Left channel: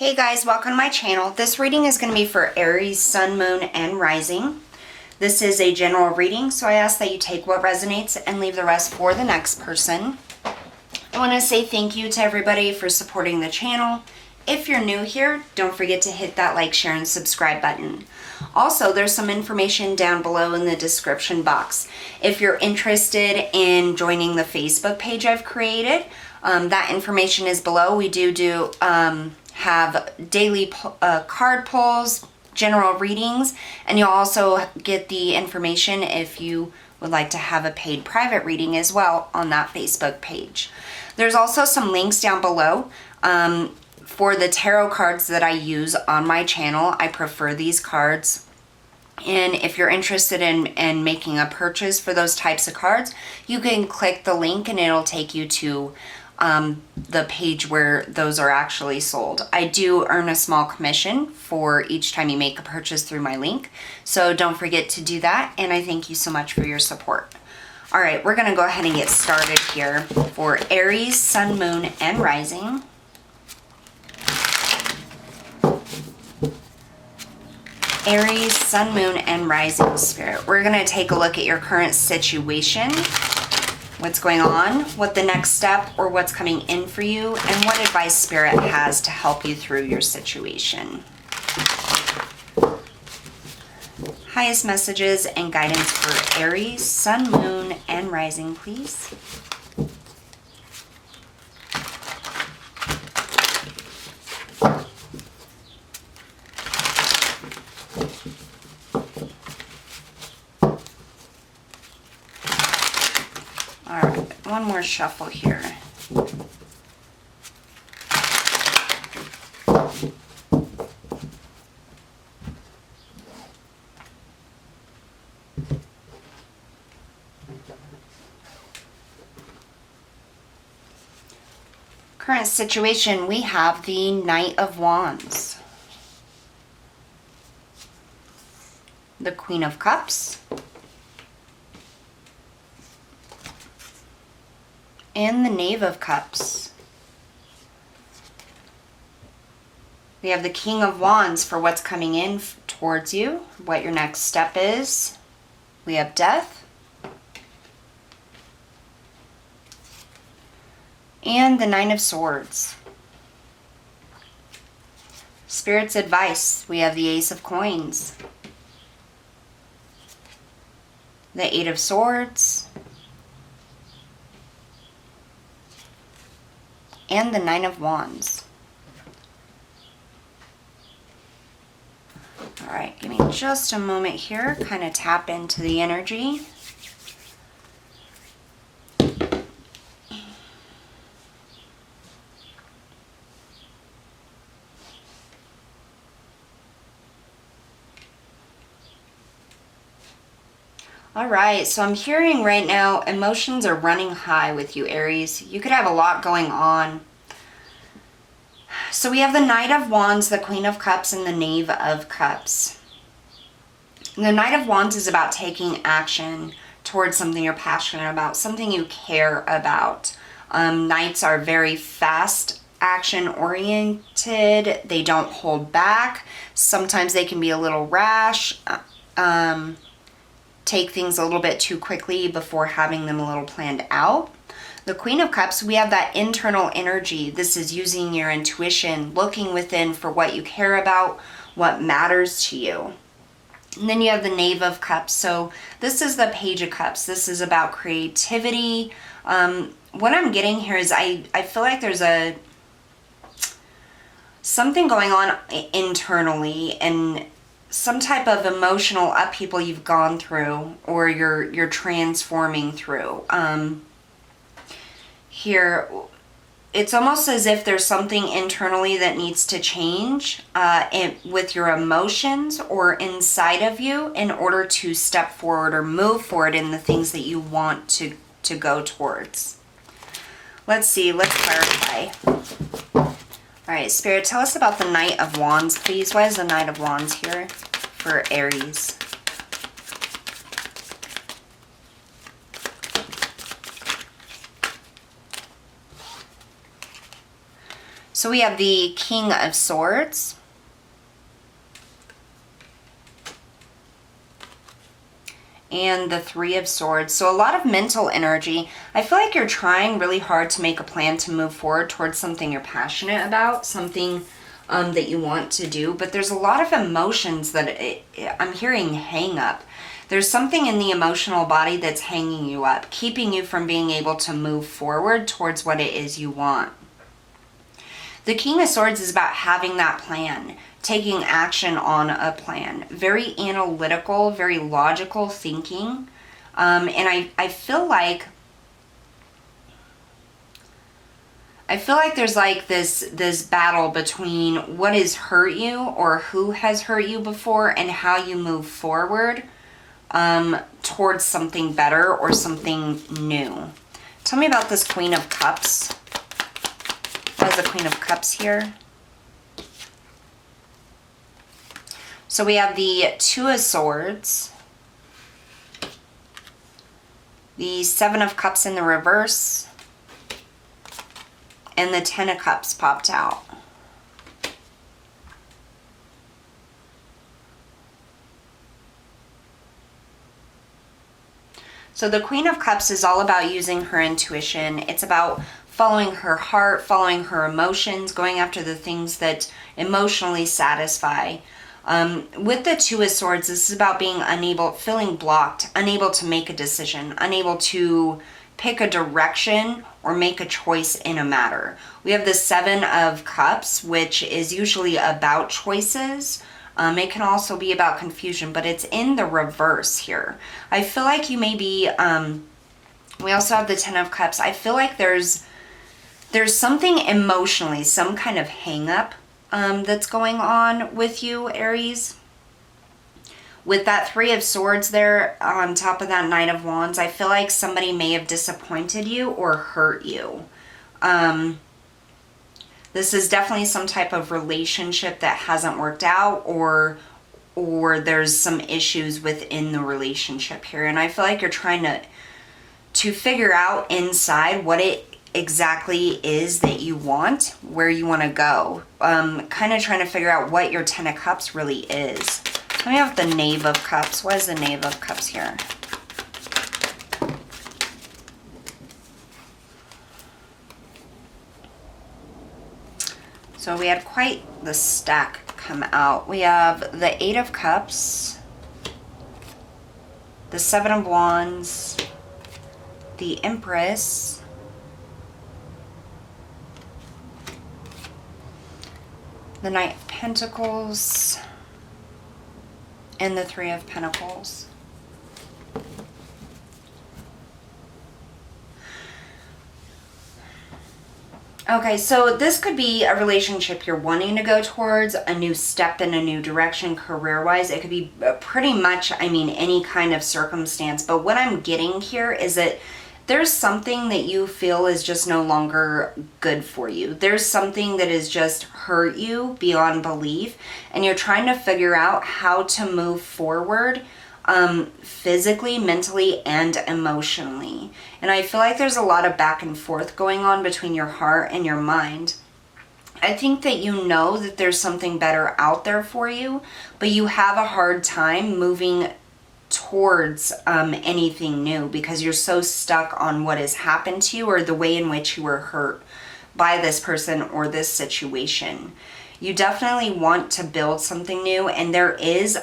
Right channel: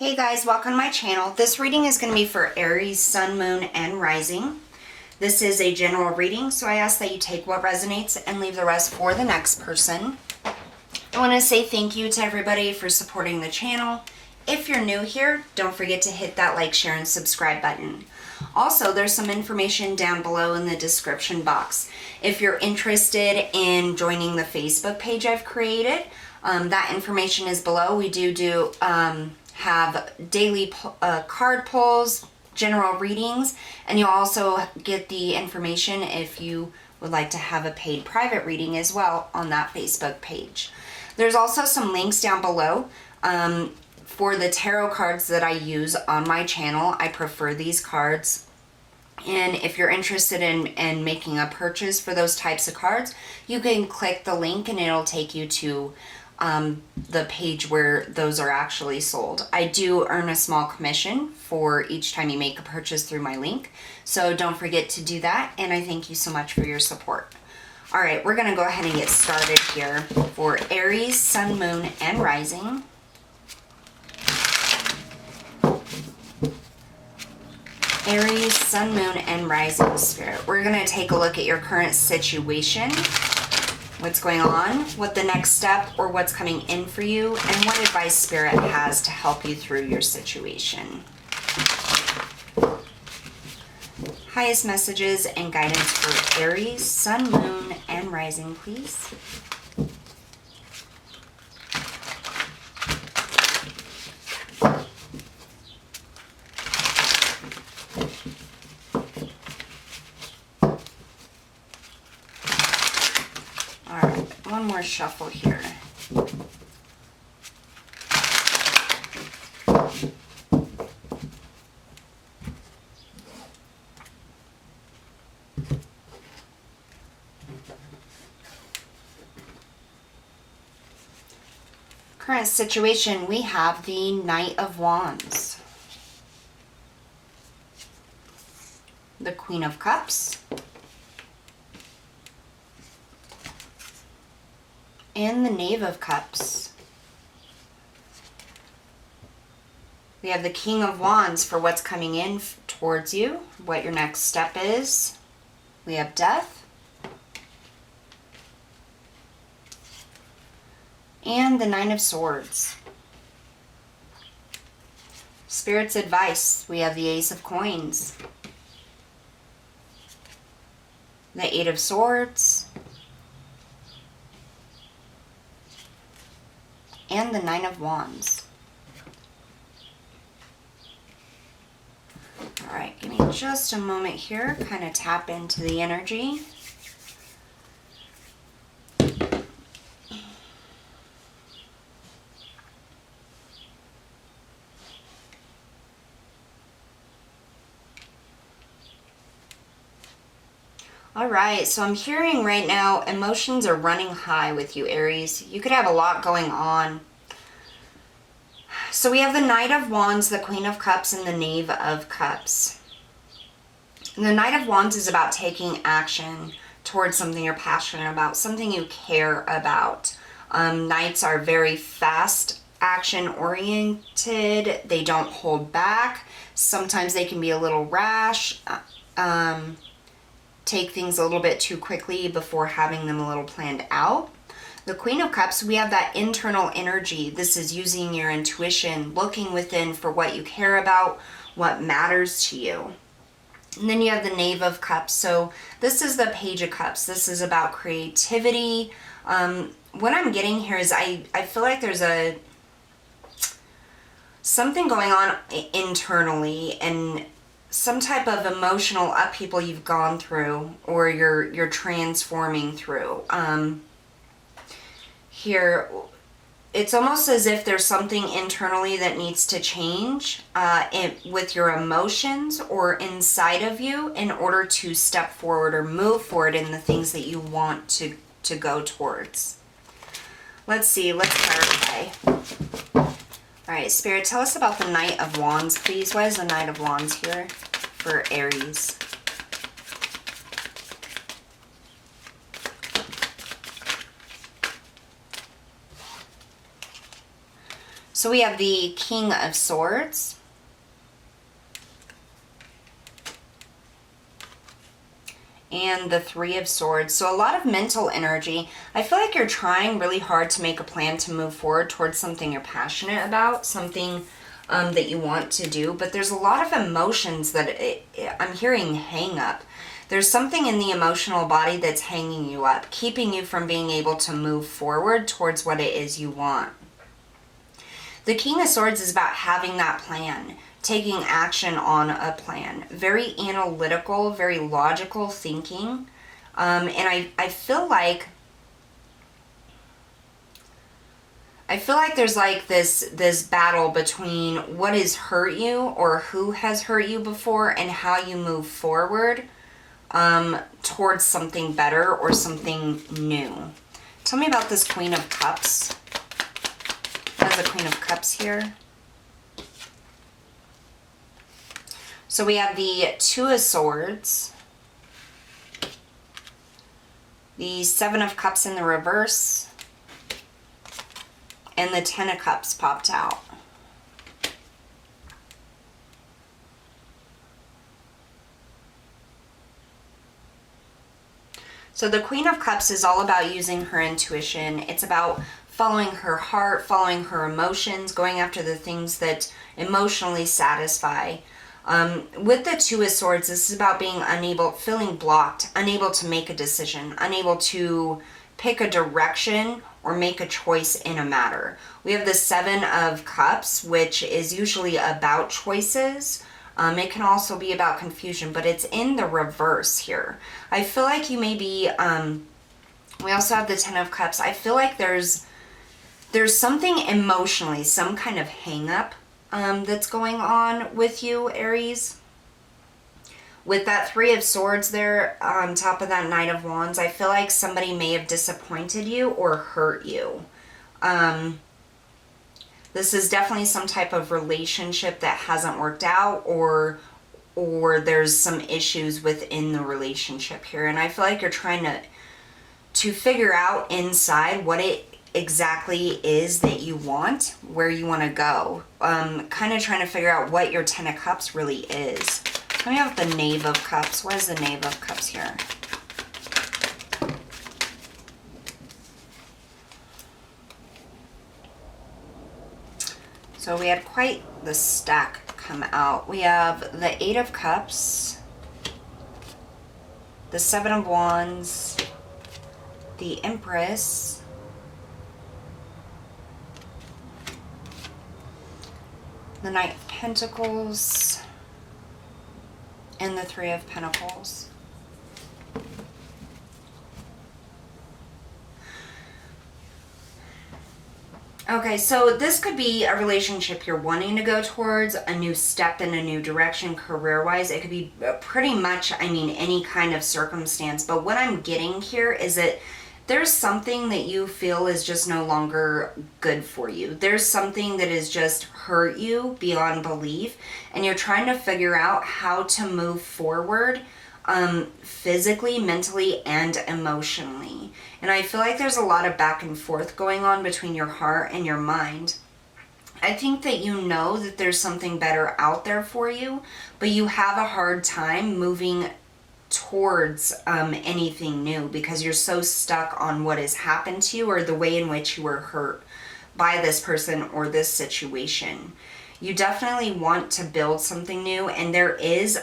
Hey guys, welcome to my channel. This reading is going to be for Aries, Sun, Moon, and Rising. This is a general reading, so I ask that you take what resonates and leave the rest for the next person. I want to say thank you to everybody for supporting the channel. If you're new here, don't forget to hit that like, share, and subscribe button. Also, there's some information down below in the description box. If you're interested in joining the Facebook page I've created, that information is below. We do have daily card pulls, general readings, and you'll also get the information if you would like to have a paid private reading as well on that Facebook page. There's also some links down below for the tarot cards that I use on my channel. I prefer these cards. And if you're interested in making a purchase for those types of cards, you can click the link and it'll take you to the page where those are actually sold. I do earn a small commission for each time you make a purchase through my link, so don't forget to do that, and I thank you so much for your support. All right, we're gonna go ahead and get started here for Aries, Sun, Moon, and Rising. Aries, Sun, Moon, and Rising Spirit. We're gonna take a look at your current situation, what's going on, what the next step or what's coming in for you, and what advice Spirit has to help you through your situation. Highest messages and guidance for Aries, Sun, Moon, and Rising, please. One more shuffle here. Current situation, we have the Knight of Wands, the Queen of Cups, and the Knave of Cups. We have the King of Wands for what's coming in towards you, what your next step is. We have Death. And the Nine of Swords. Spirit's advice, we have the Ace of Coins. The Eight of Swords. And the Nine of Wands. All right, give me just a moment here, kind of tap into the energy. All right, so I'm hearing right now emotions are running high with you, Aries. You could have a lot going on. So we have the Knight of Wands, the Queen of Cups, and the Knave of Cups. The Knight of Wands is about taking action towards something you're passionate about, something you care about. Knights are very fast, action-oriented. They don't hold back. Sometimes they can be a little rash. Take things a little bit too quickly before having them a little planned out. The Queen of Cups, we have that internal energy. This is using your intuition, looking within for what you care about, what matters to you. And then you have the Knave of Cups. So this is the Page of Cups. This is about creativity. What I'm getting here is I feel like there's something going on internally, and some type of emotional upheaval you've gone through or you're transforming through. Here, it's almost as if there's something internally that needs to change with your emotions or inside of you in order to step forward or move forward in the things that you want to go towards. Let's see, let's clarify. All right, Spirit, tell us about the Knight of Wands, please. Why is the Knight of Wands here for Aries? So we have the King of Swords. And the Three of Swords. So a lot of mental energy. I feel like you're trying really hard to make a plan to move forward towards something you're passionate about, something that you want to do. But there's a lot of emotions that I'm hearing hang up. There's something in the emotional body that's hanging you up, keeping you from being able to move forward towards what it is you want. The King of Swords is about having that plan, taking action on a plan. Very analytical, very logical thinking. And I feel like there's like this battle between what has hurt you or who has hurt you before and how you move forward towards something better or something new. Tell me about this Queen of Cups. What is the Queen of Cups here? So we have the Two of Swords, the Seven of Cups in the reverse, and the Ten of Cups popped out. So the Queen of Cups is all about using her intuition. It's about following her heart, following her emotions, going after the things that emotionally satisfy. With the Two of Swords, this is about being unable, feeling blocked, unable to make a decision, unable to pick a direction or make a choice in a matter. We have the Seven of Cups, which is usually about choices. It can also be about confusion, but it's in the reverse here. I feel like you may be, we also have the Ten of Cups. I feel like there's something emotionally, some kind of hang up that's going on with you, Aries. With that Three of Swords there on top of that Knight of Wands, I feel like somebody may have disappointed you or hurt you. This is definitely some type of relationship that hasn't worked out, or there's some issues within the relationship here. And I feel like you're trying to figure out inside what it exactly is that you want, where you want to go. Kind of trying to figure out what your Ten of Cups really is. Let me have the Knave of Cups. What is the Knave of Cups here? So we had quite the stack come out. We have the Eight of Cups, the Seven of Wands, the Empress, the Knight of Pentacles, and the Three of Pentacles. Okay, so this could be a relationship you're wanting to go towards, a new step in a new direction career-wise. It could be pretty much, I mean, any kind of circumstance. But what I'm getting here is that there's something that you feel is just no longer good for you. There's something that has just hurt you beyond belief, and you're trying to figure out how to move forward physically, mentally, and emotionally. And I feel like there's a lot of back and forth going on between your heart and your mind. I think that you know that there's something better out there for you, but you have a hard time moving towards anything new because you're so stuck on what has happened to you or the way in which you were hurt by this person or this situation. You definitely want to build something new, and there is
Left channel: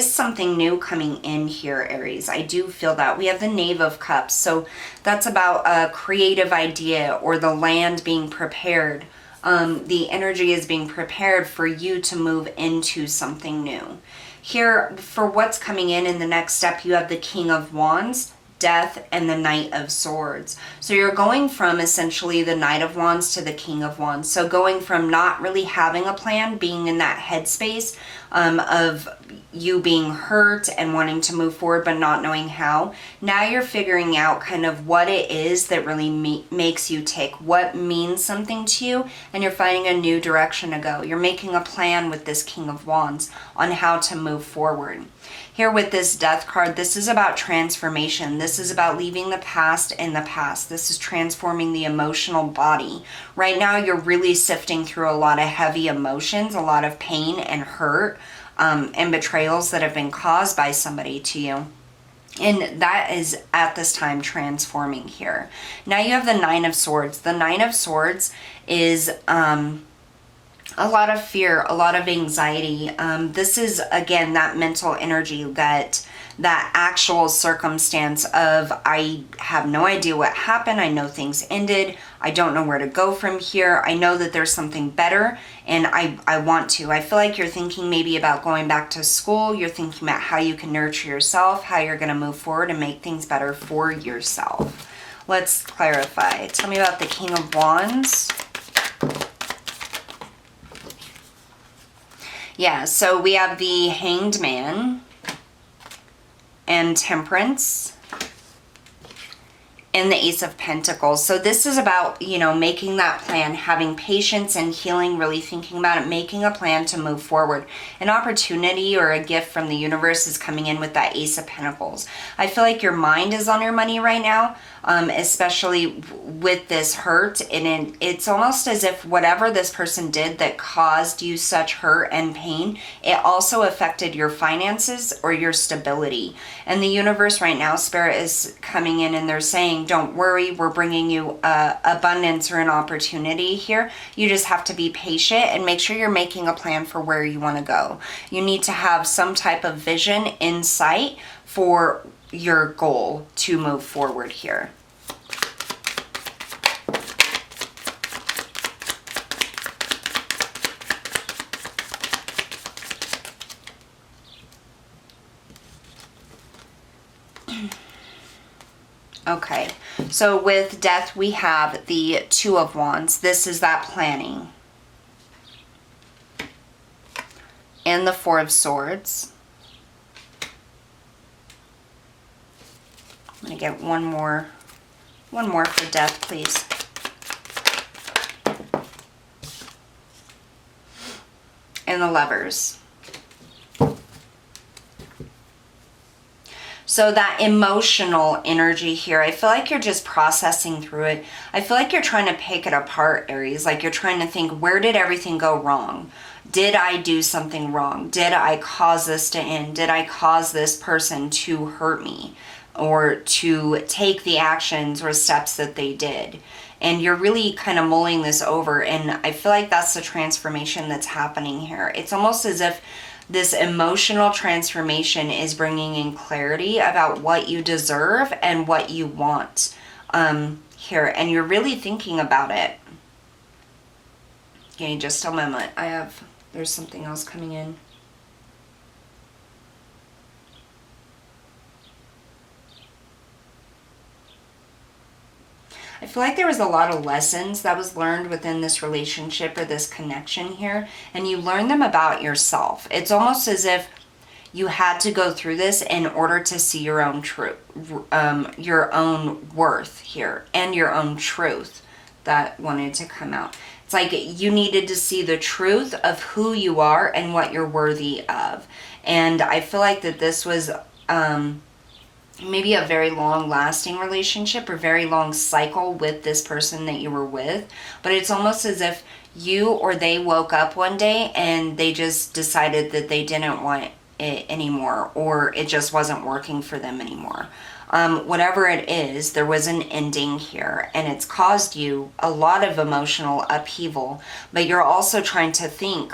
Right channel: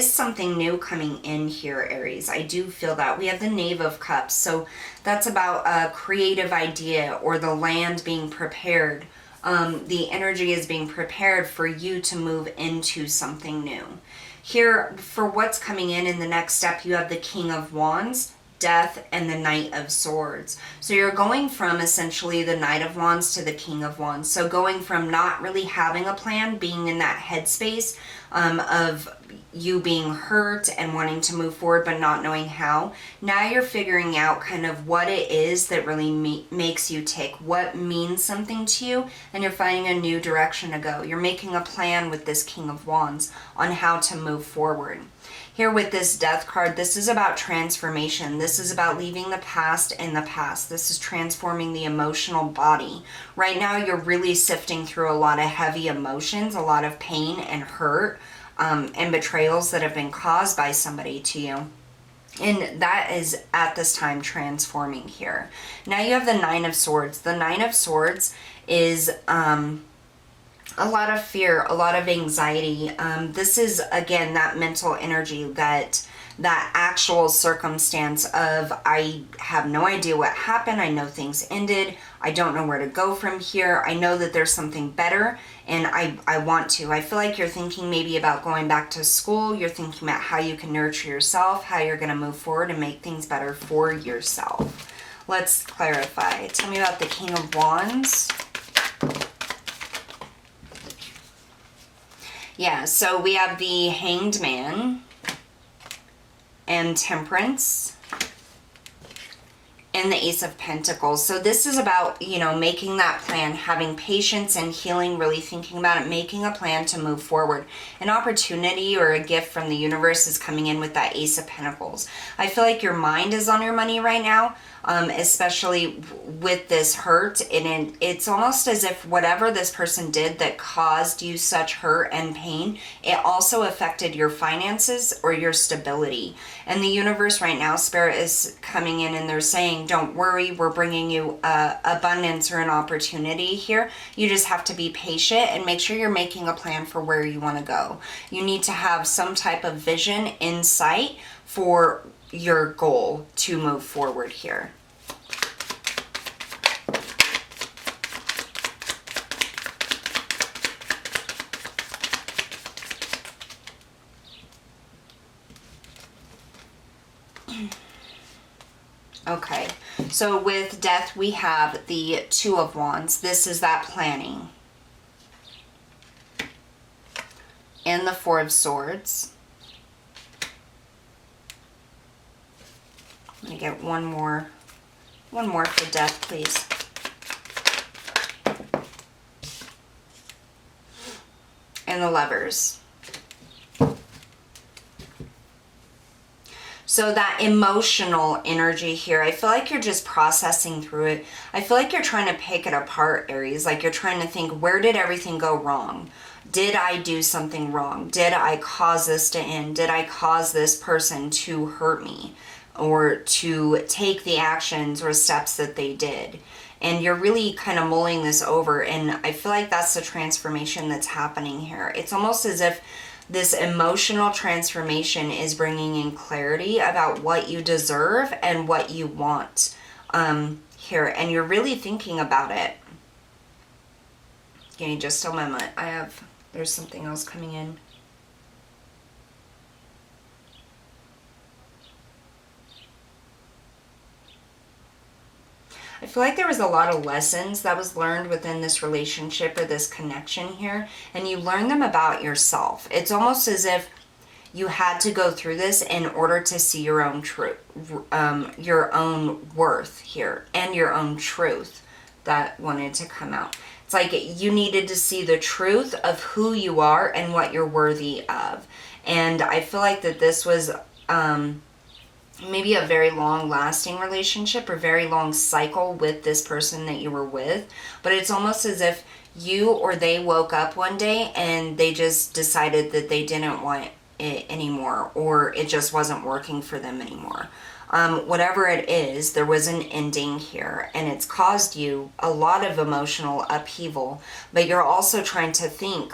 something new coming in here, Aries. I do feel that. We have the Knave of Cups. So that's about a creative idea or the land being prepared. The energy is being prepared for you to move into something new. Here, for what's coming in the next step, you have the King of Wands, Death, and the Knight of Swords. So you're going from essentially the Knight of Wands to the King of Wands. So going from not really having a plan, being in that headspace of you being hurt and wanting to move forward but not knowing how. Now you're figuring out kind of what it is that really makes you tick, what means something to you, and you're finding a new direction to go. You're making a plan with this King of Wands on how to move forward. Here with this Death card, this is about transformation. This is about leaving the past in the past. This is transforming the emotional body. Right now, you're really sifting through a lot of heavy emotions, a lot of pain and hurt, and betrayals that have been caused by somebody to you. And that is at this time transforming here. Now you have the Nine of Swords. The Nine of Swords is a lot of fear, a lot of anxiety. This is, again, that mental energy, that actual circumstance of, I have no idea what happened. I know things ended. I don't know where to go from here. I know that there's something better, and I want to. I feel like you're thinking maybe about going back to school. You're thinking about how you can nurture yourself, how you're going to move forward and make things better for yourself. Let's clarify. Tell me about the King of Wands. Yeah, so we have the Hanged Man and Temperance and the Ace of Pentacles. So this is about, you know, making that plan, having patience and healing, really thinking about it, making a plan to move forward. An opportunity or a gift from the universe is coming in with that Ace of Pentacles. I feel like your mind is on your money right now, especially with this hurt. And it's almost as if whatever this person did that caused you such hurt and pain, it also affected your finances or your stability. And the universe right now, Spirit is coming in and they're saying, don't worry, we're bringing you abundance or an opportunity here. You just have to be patient and make sure you're making a plan for where you want to go. You need to have some type of vision, insight for your goal to move forward here. Okay, so with Death, we have the Two of Wands. This is that planning. And the Four of Swords. I'm going to get one more for Death, please. And the Lovers. So that emotional energy here, I feel like you're just processing through it. I feel like you're trying to pick it apart, Aries. Like you're trying to think, where did everything go wrong? Did I do something wrong? Did I cause this to end? Did I cause this person to hurt me or to take the actions or steps that they did? And you're really kind of mulling this over. And I feel like that's the transformation that's happening here. It's almost as if this emotional transformation is bringing in clarity about what you deserve and what you want here. And you're really thinking about it. Okay, just a moment. There's something else coming in. I feel like there was a lot of lessons that was learned within this relationship or this connection here, and you learn them about yourself. It's almost as if you had to go through this in order to see your own truth, your own worth here, and your own truth that wanted to come out. It's like you needed to see the truth of who you are and what you're worthy of. And I feel like that this was maybe a very long lasting relationship or very long cycle with this person that you were with, but it's almost as if you or they woke up one day and they just decided that they didn't want it anymore, or it just wasn't working for them anymore. Whatever it is, there was an ending here, and it's caused you a lot of emotional upheaval, but you're also trying to think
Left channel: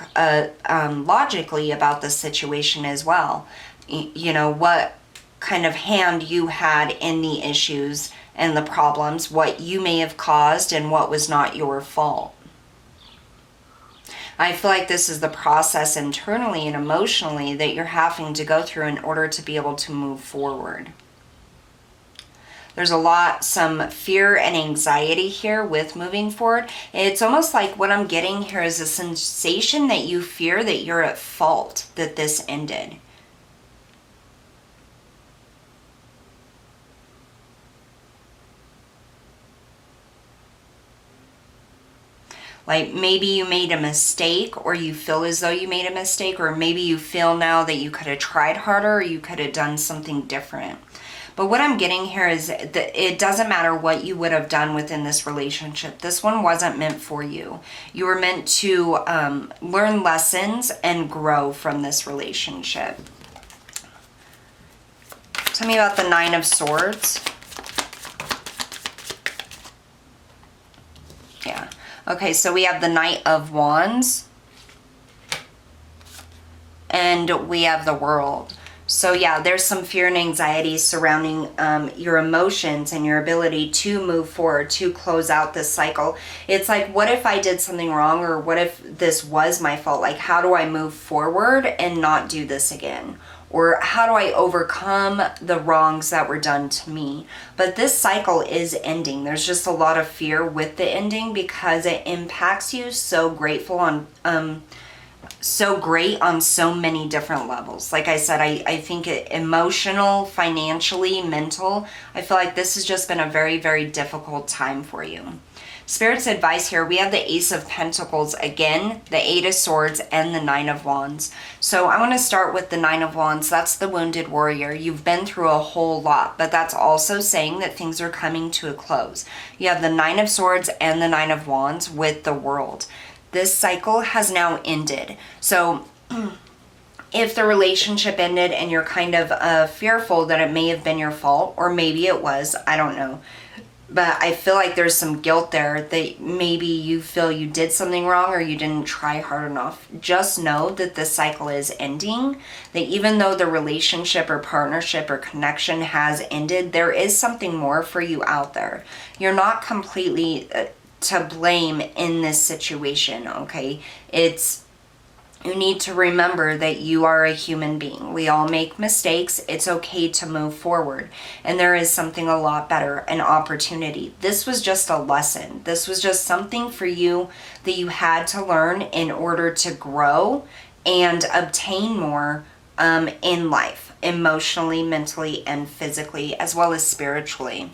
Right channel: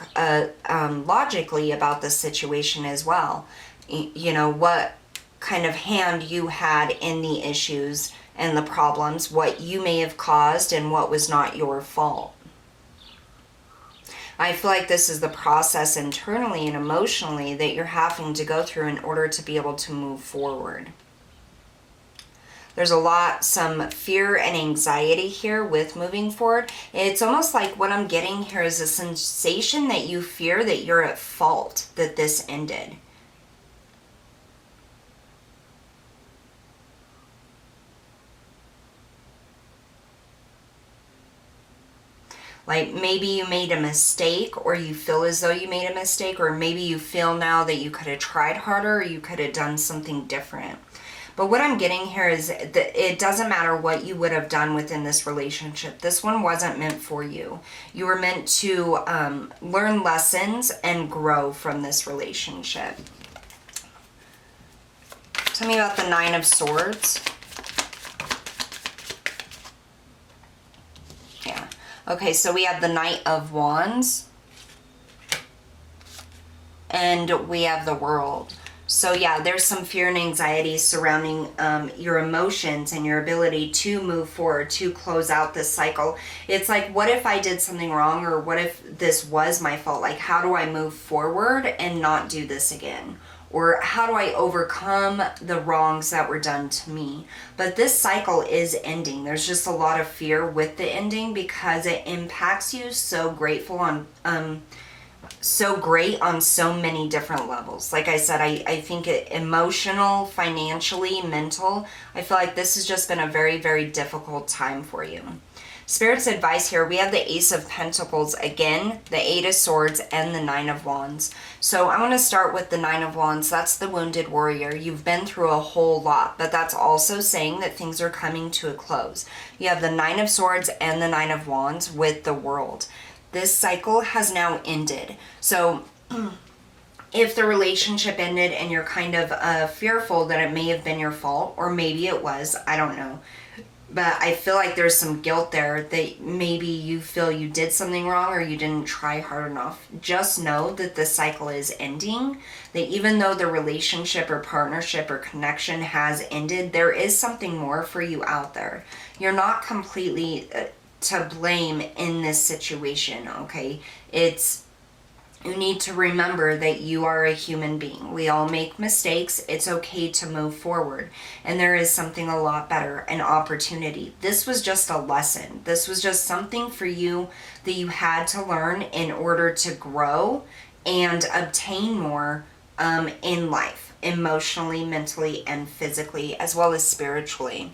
logically about the situation as well. You know, what kind of hand you had in the issues and the problems, what you may have caused and what was not your fault. I feel like this is the process internally and emotionally that you're having to go through in order to be able to move forward. There's some fear and anxiety here with moving forward. It's almost like what I'm getting here is a sensation that you fear that you're at fault, that this ended. Like maybe you made a mistake, or you feel as though you made a mistake, or maybe you feel now that you could have tried harder, or you could have done something different. But what I'm getting here is that it doesn't matter what you would have done within this relationship. This one wasn't meant for you. You were meant to learn lessons and grow from this relationship. Tell me about the Nine of Swords. Yeah. Okay, so we have the Knight of Wands. And we have the World. So yeah, there's some fear and anxiety surrounding your emotions and your ability to move forward, to close out this cycle. It's like, what if I did something wrong, or what if this was my fault? Like, how do I move forward and not do this again? Or how do I overcome the wrongs that were done to me? But this cycle is ending. There's just a lot of fear with the ending because it impacts you so great on so many different levels. Like I said, I think emotional, financially, mental, I feel like this has just been a very, very difficult time for you. Spirit's advice here, we have the Ace of Pentacles again, the Eight of Swords, and the Nine of Wands. So I want to start with the Nine of Wands. That's the wounded warrior. You've been through a whole lot, but that's also saying that things are coming to a close. You have the Nine of Swords and the Nine of Wands with the World. This cycle has now ended. So if the relationship ended and you're kind of fearful that it may have been your fault, or maybe it was, I don't know. But I feel like there's some guilt there that maybe you feel you did something wrong or you didn't try hard enough. Just know that this cycle is ending. That even though the relationship or partnership or connection has ended, there is something more for you out there. You're not completely to blame in this situation, okay? You need to remember that you are a human being. We all make mistakes. It's okay to move forward. And there is something a lot better, an opportunity. This was just a lesson. This was just something for you that you had to learn in order to grow and obtain more in life, emotionally, mentally, and physically, as well as spiritually.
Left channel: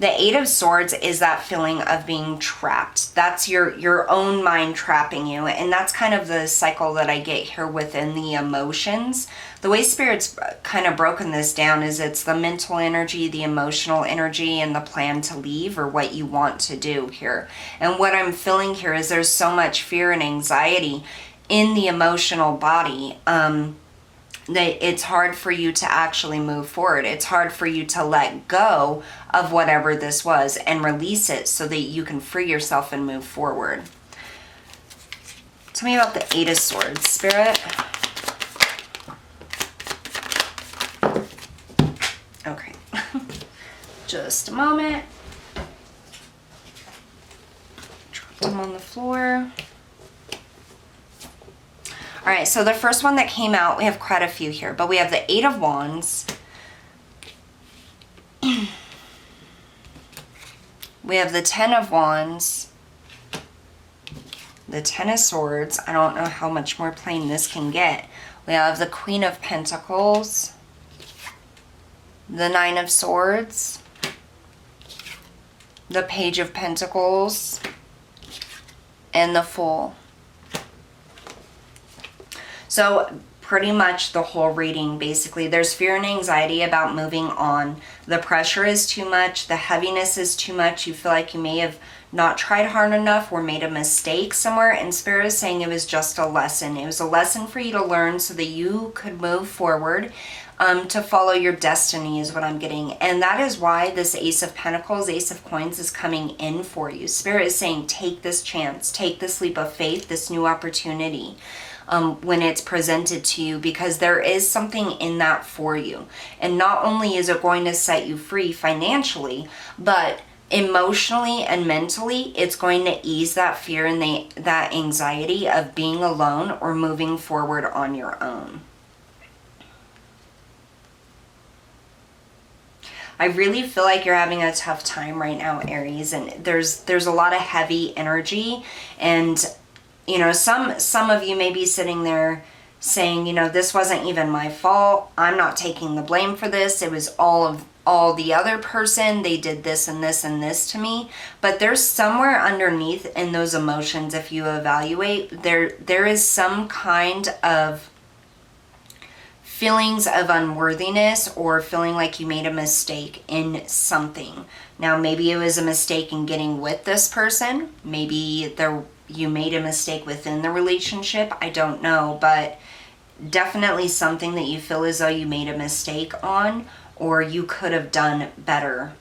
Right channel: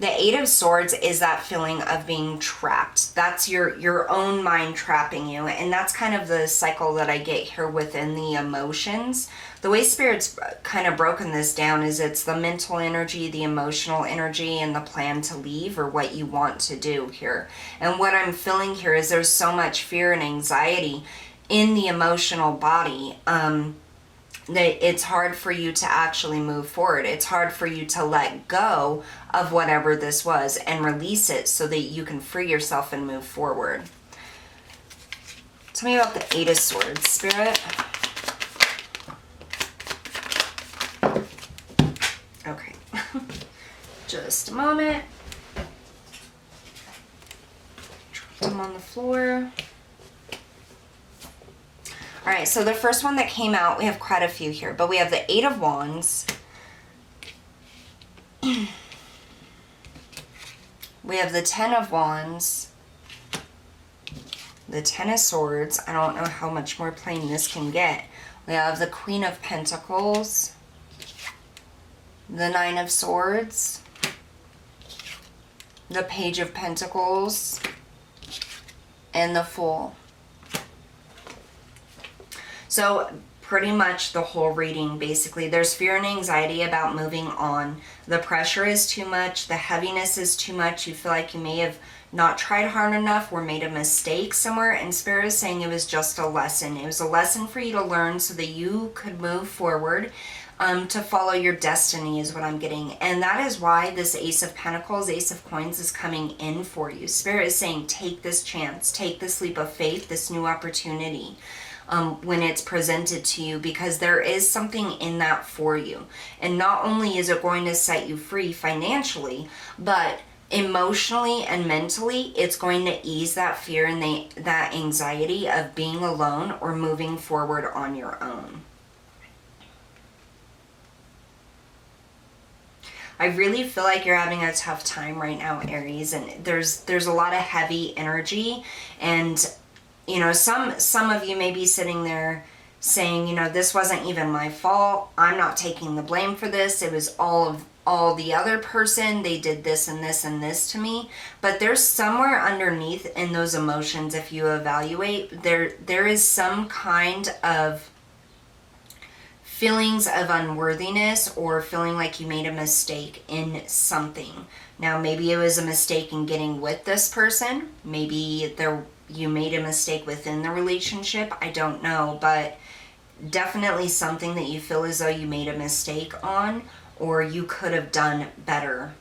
The Eight of Swords is that feeling of being trapped. That's your own mind trapping you. And that's kind of the cycle that I get here within the emotions. The way Spirit's kind of broken this down is it's the mental energy, the emotional energy, and the plan to leave, or what you want to do here. And what I'm feeling here is there's so much fear and anxiety in the emotional body that it's hard for you to actually move forward. It's hard for you to let go of whatever this was and release it so that you can free yourself and move forward. Tell me about the Eight of Swords, Spirit. Okay. Just a moment. Drop them on the floor. All right, so the first one that came out, we have quite a few here, but we have the Eight of Wands. We have the Ten of Wands. The Ten of Swords. I don't know how much more plain this can get. We have the Queen of Pentacles. The Nine of Swords. The Page of Pentacles. And the Fool. So pretty much the whole reading, basically, there's fear and anxiety about moving on. The pressure is too much. The heaviness is too much. You feel like you may have not tried hard enough or made a mistake somewhere. And Spirit is saying it was just a lesson. It was a lesson for you to learn so that you could move forward, to follow your destiny is what I'm getting. And that is why this Ace of Pentacles, Ace of Coins is coming in for you. Spirit is saying take this chance, take this leap of faith, this new opportunity. When it's presented to you, because there is something in that for you. And not only is it going to set you free financially, but emotionally and mentally, it's going to ease that fear and that anxiety of being alone or moving forward on your own. I really feel like you're having a tough time right now, Aries, and there's a lot of heavy energy, and you know, some of you may be sitting there saying, you know, this wasn't even my fault. I'm not taking the blame for this. It was all the other person. They did this and this and this to me. But there's somewhere underneath in those emotions, if you evaluate, there is some kind of feelings of unworthiness or feeling like you made a mistake in something. Now, maybe it was a mistake in getting with this person. Maybe you made a mistake within the relationship. I don't know, but definitely something that you feel as though you made a mistake on, or you could have done better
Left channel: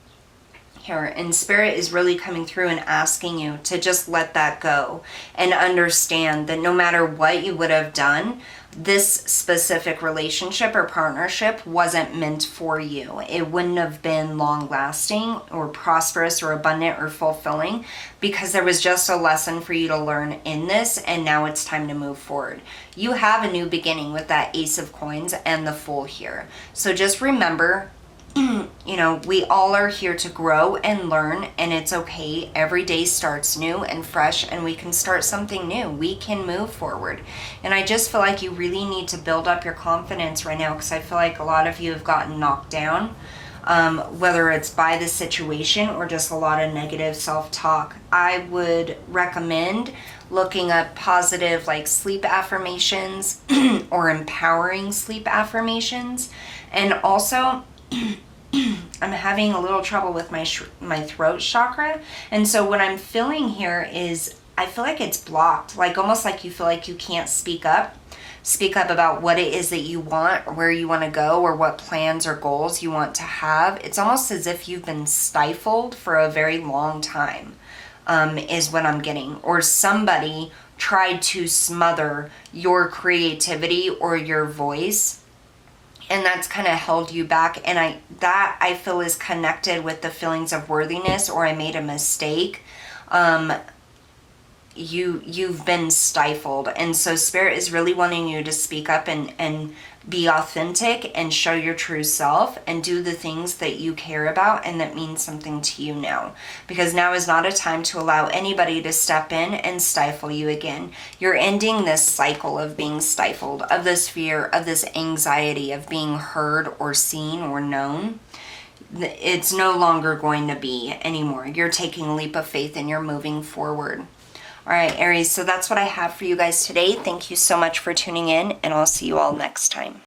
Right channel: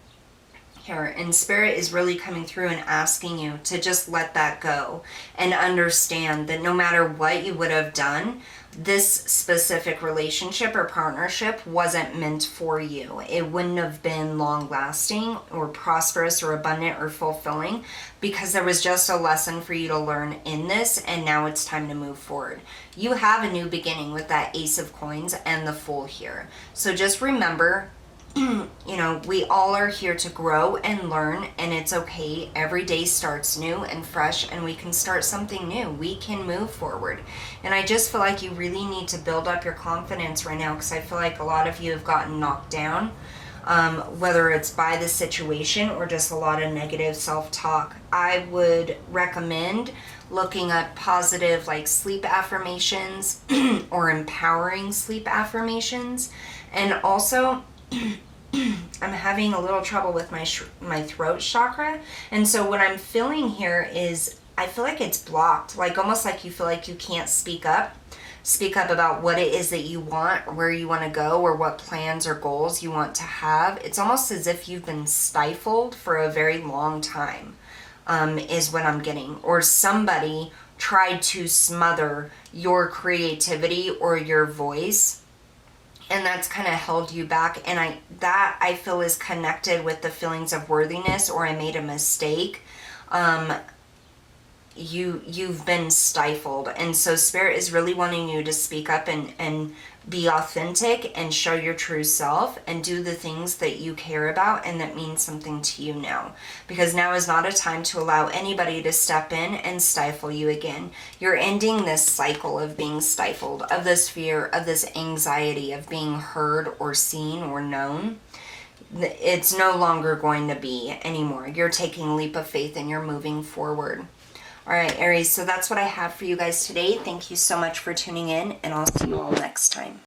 here. And Spirit is really coming through and asking you to just let that go and understand that no matter what you would have done, this specific relationship or partnership wasn't meant for you. It wouldn't have been long lasting or prosperous or abundant or fulfilling, because there was just a lesson for you to learn in this, and now it's time to move forward. You have a new beginning with that Ace of Coins and the Fool here. So just remember, you know, we all are here to grow and learn, and it's okay. Every day starts new and fresh, and we can start something new. We can move forward. And I just feel like you really need to build up your confidence right now, because I feel like a lot of you have gotten knocked down, whether it's by the situation or just a lot of negative self-talk. I would recommend looking up positive, like, sleep affirmations or empowering sleep affirmations. And also, I'm having a little trouble with my throat chakra, and so what I'm feeling here is I feel like it's blocked, like almost like you feel like you can't speak up about what it is that you want, or where you want to go, or what plans or goals you want to have. It's almost as if you've been stifled for a very long time, is what I'm getting, or somebody tried to smother your creativity or your voice, and that's kind of held you back. And I feel is connected with the feelings of worthiness, or I made a mistake. You've been stifled, and so Spirit is really wanting you to speak up and be authentic and show your true self and do the things that you care about and that mean something to you now, because now is not a time to allow anybody to step in and stifle you again. You're ending this cycle of being stifled, of this fear, of this anxiety of being heard or seen or known. It's no longer going to be anymore. You're taking a leap of faith and you're moving forward. All right, Aries, so that's what I have for you guys today. Thank you so much for tuning in, and I'll see you all next time.